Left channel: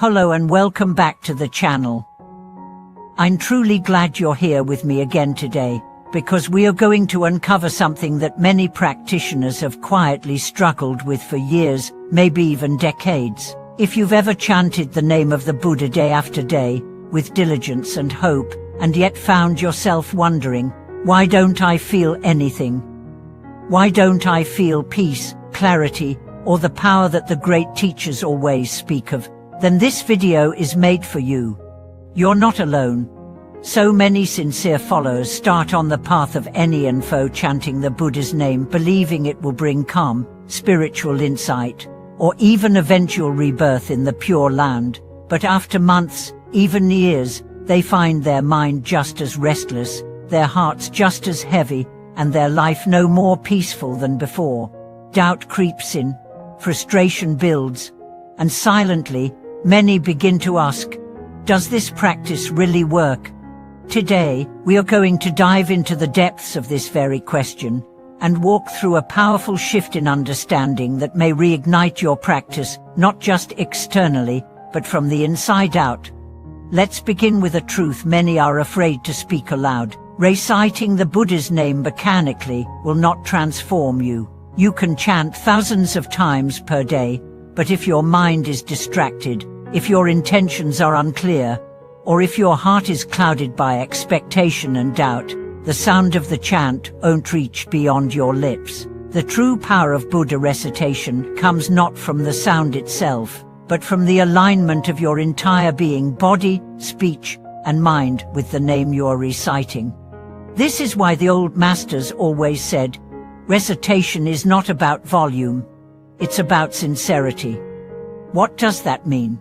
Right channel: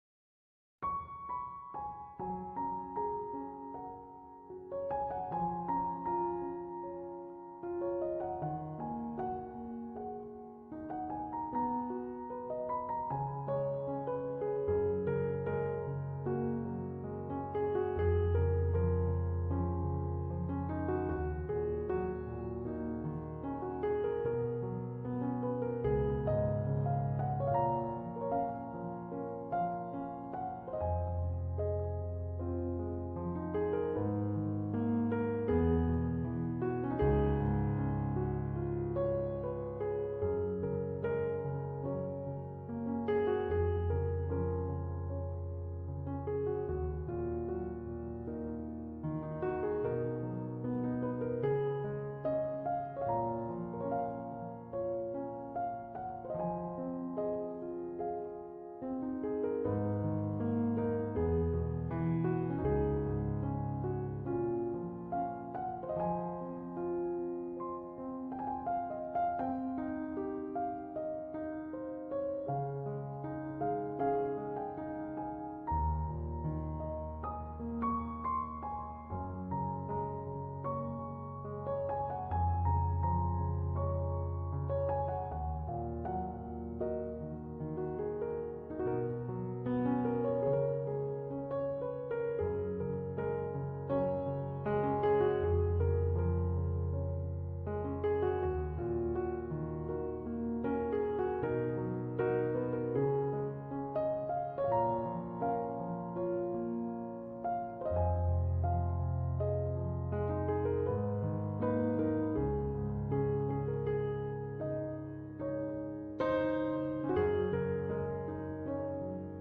Hello and welcome back to the channel. I'm truly glad you're here with me again today, because we are going to uncover something that many practitioners have quietly struggled with for years, maybe even decades. If you've ever chanted the name of the Buddha day after day, with diligence and hope, and yet found yourself wondering, why don't I feel anything? Why don't I feel peace, clarity, or the power that the great teachers always speak of? Then this video is made for you. You're not alone. So many sincere followers start on the path of any info chanting the Buddha's name, believing it will bring calm, spiritual insight, or even eventual rebirth in the Pure Land. But after months, even years, they find their mind just as restless, their hearts just as heavy, and their life no more peaceful than before. Doubt creeps in, frustration builds, and silently, many begin to ask, does this practice really work? Today, we are going to dive into the depths of this very question and walk through a powerful shift in understanding that may reignite your practice, not just externally, but from the inside out. Let's begin with a truth many are afraid to speak aloud. Reciting the Buddha's name mechanically will not transform you. You can chant thousands of times per day, but if your mind is distracted, if your intentions are unclear, or if your heart is clouded by expectation and doubt, the sound of the chant won't reach beyond your lips. The true power of Buddha recitation comes not from the sound itself, but from the alignment of your entire being, body, speech, and mind with the name you're reciting. This is why the old masters always said, recitation is not about volume, it's about sincerity. What does that mean?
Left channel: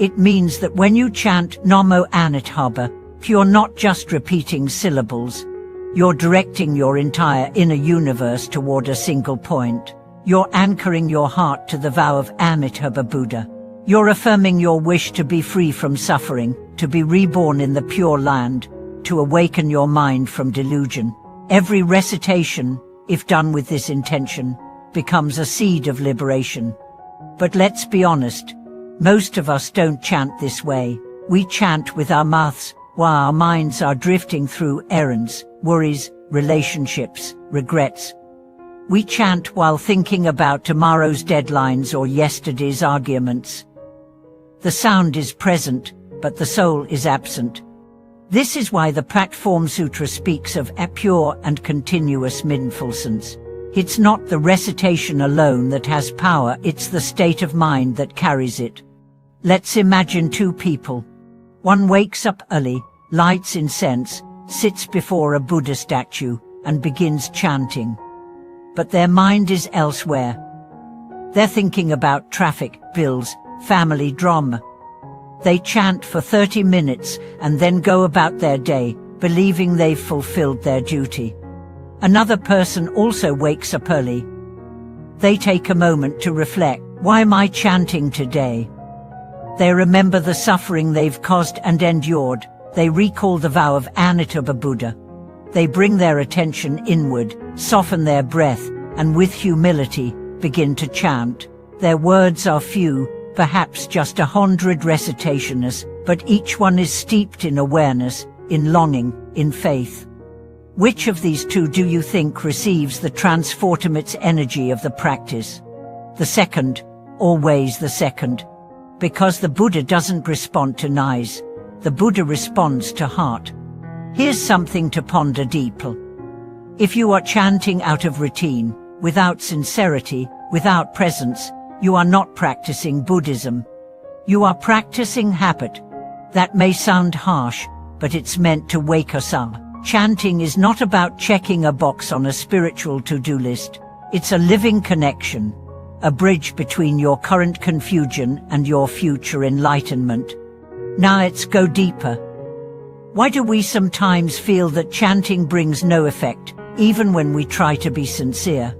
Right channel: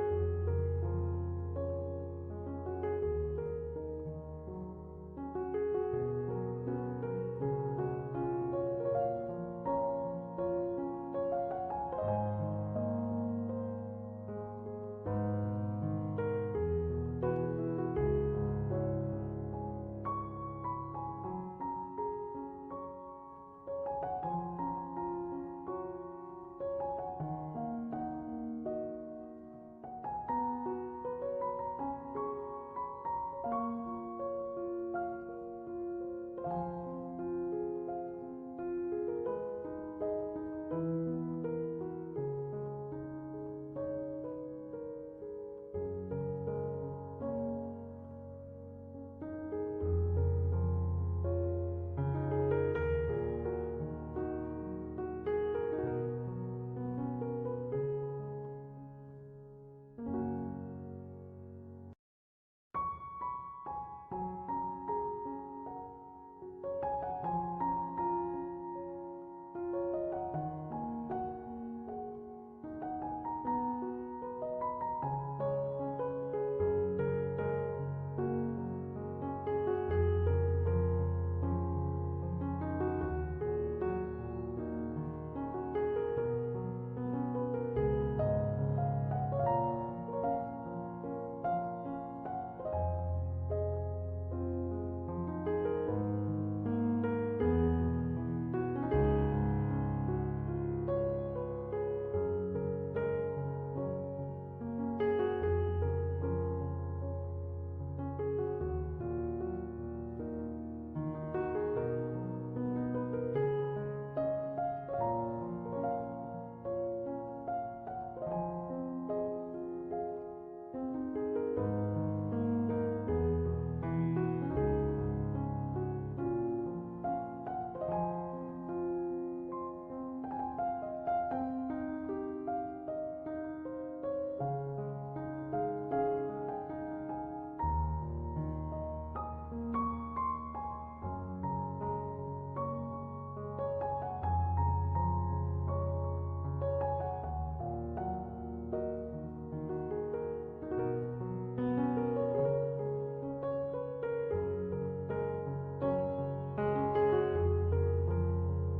It means that when you chant Namo Anitthabha, you're not just repeating syllables. You're directing your entire inner universe toward a single point. You're anchoring your heart to the vow of Amitabha Buddha. You're affirming your wish to be free from suffering, to be reborn in the Pure Land, to awaken your mind from delusion. Every recitation, if done with this intention, becomes a seed of liberation. But let's be honest, most of us don't chant this way. We chant with our mouths while our minds are drifting through errands, worries, relationships, regrets. We chant while thinking about tomorrow's deadlines or yesterday's arguments. The sound is present, but the soul is absent. This is why the Platform Sutra speaks of a pure and continuous mindfulness. It's not the recitation alone that has power, it's the state of mind that carries it. Let's imagine two people. One wakes up early, lights incense, sits before a Buddha statue, and begins chanting. But their mind is elsewhere. They're thinking about traffic, bills, family drama. They chant for 30 minutes and then go about their day, believing they've fulfilled their duty. Another person also wakes up early. They take a moment to reflect, why am I chanting today? They remember the suffering they've caused and endured. They recall the vow of Amitabha Buddha. They bring their attention inward, soften their breath, and with humility, begin to chant. Their words are few, perhaps just 100 recitations, but each one is steeped in awareness, in longing, in faith. Which of these two do you think receives the transformative energy of the practice? The second, always the second. Because the Buddha doesn't respond to noise, the Buddha responds to heart. Here's something to ponder deeply. If you are chanting out of routine, without sincerity, without presence, you are not practicing Buddhism. You are practicing habit. That may sound harsh, but it's meant to wake us up. Chanting is not about checking a box on a spiritual to-do list. It's a living connection, a bridge between your current confusion and your future enlightenment. Now let's go deeper. Why do we sometimes feel that chanting brings no effect, even when we try to be sincere?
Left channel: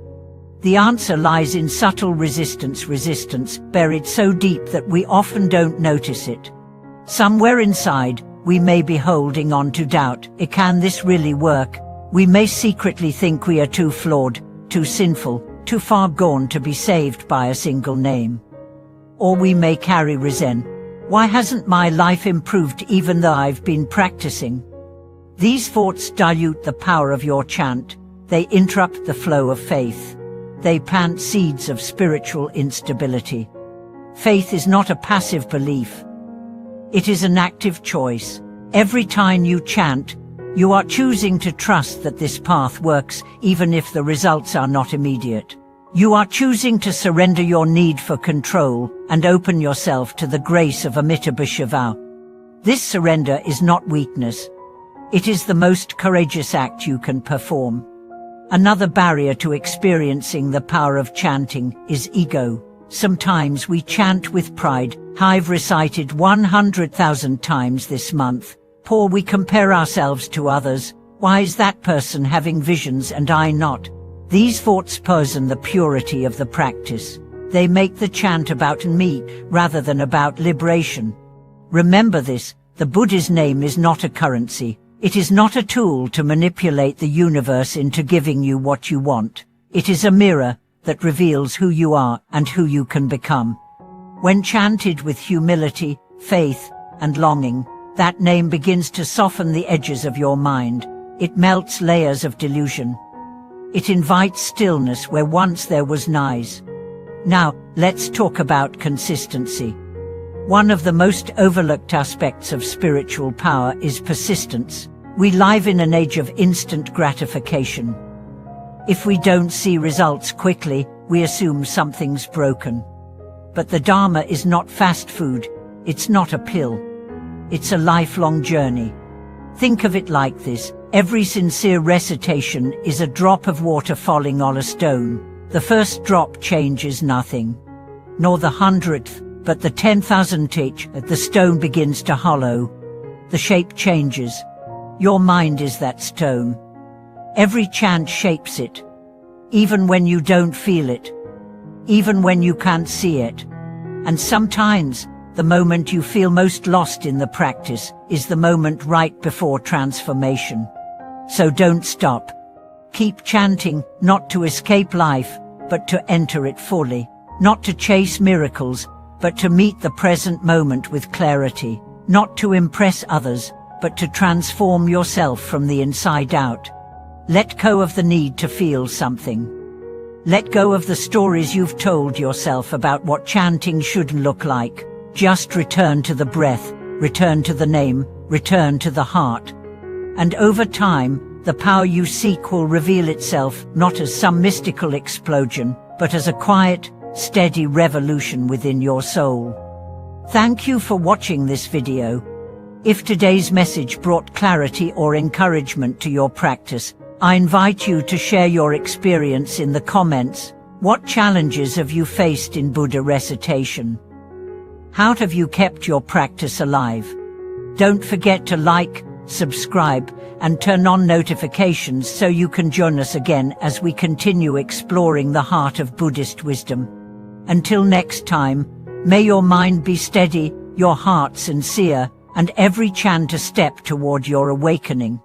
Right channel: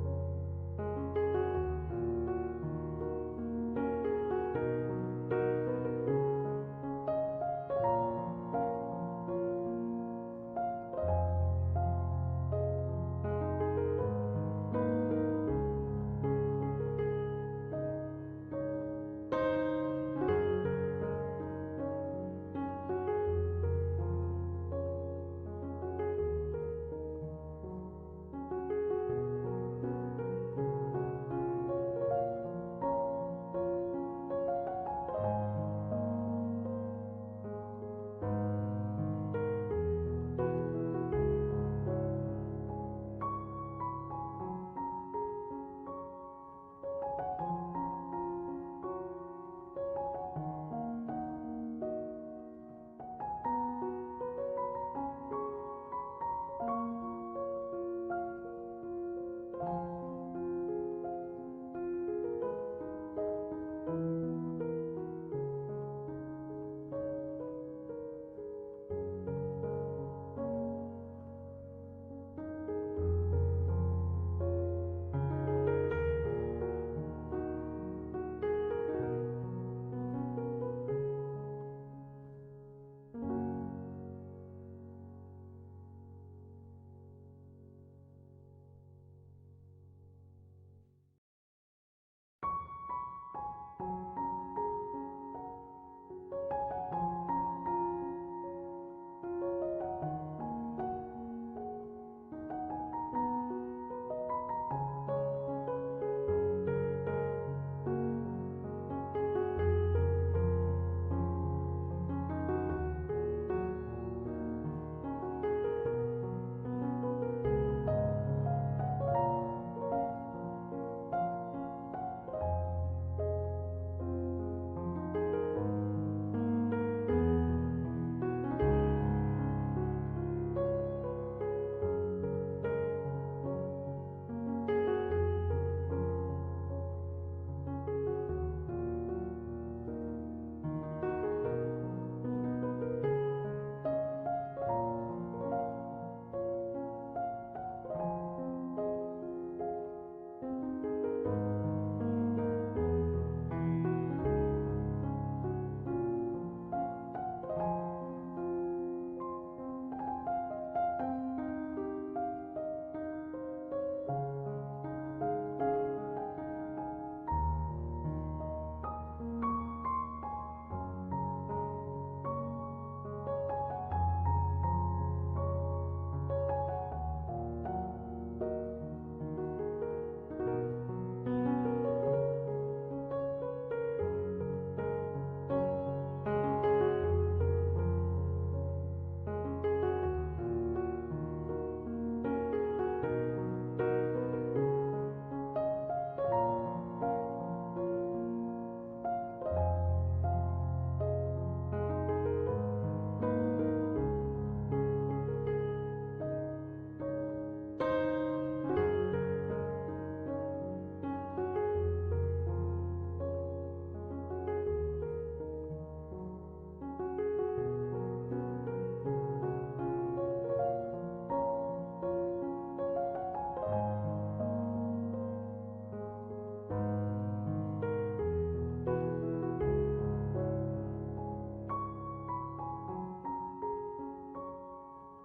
The answer lies in subtle resistance buried so deep that we often don't notice it. Somewhere inside, we may be holding on to doubt. Can this really work? We may secretly think we are too flawed, too sinful, too far gone to be saved by a single name. Or we may carry resentment, Why hasn't my life improved even though I've been practicing? These thoughts dilute the power of your chant. They interrupt the flow of faith. They plant seeds of spiritual instability. Faith is not a passive belief. It is an active choice. Every time you chant, you are choosing to trust that this path works, even if the results are not immediate. You are choosing to surrender your need for control and open yourself to the grace of Amitabha. This surrender is not weakness. It is the most courageous act you can perform. Another barrier to experiencing the power of chanting is ego. Sometimes we chant with pride. I've recited 100,000 times this month. Poor, we compare ourselves to others. Why is that person having visions and I not? These thoughts poison the purity of the practice. They make the chant about me rather than about liberation. Remember this, the Buddha's name is not a currency. It is not a tool to manipulate the universe into giving you what you want. It is a mirror that reveals who you are and who you can become. When chanted with humility, faith, and longing, that name begins to soften the edges of your mind. It melts layers of delusion. It invites stillness where once there was noise. Now, let's talk about consistency. One of the most overlooked aspects of spiritual power is persistence. We live in an age of instant gratification. If we don't see results quickly, we assume something's broken. But the Dharma is not fast food. It's not a pill. It's a lifelong journey. Think of it like this. Every sincere recitation is a drop of water falling on a stone. The first drop changes nothing, nor the 100th, but the 10,000th, the stone begins to hollow. The shape changes. Your mind is that stone. Every chant shapes it, even when you don't feel it, even when you can't see it. And sometimes, the moment you feel most lost in the practice is the moment right before transformation. So don't stop. Keep chanting, not to escape life, but to enter it fully. Not to chase miracles, but to meet the present moment with clarity. Not to impress others, but to transform yourself from the inside out. Let go of the need to feel something. Let go of the stories you've told yourself about what chanting should look like. Just return to the breath, return to the name, return to the heart. And over time, the power you seek will reveal itself not as some mystical explosion, but as a quiet, steady revolution within your soul. Thank you for watching this video. If today's message brought clarity or encouragement to your practice, I invite you to share your experience in the comments. What challenges have you faced in Buddha recitation? How have you kept your practice alive? Don't forget to like, subscribe, and turn on notifications so you can join us again as we continue exploring the heart of Buddhist wisdom. Until next time, may your mind be steady, your heart sincere, and every chant a step toward your awakening.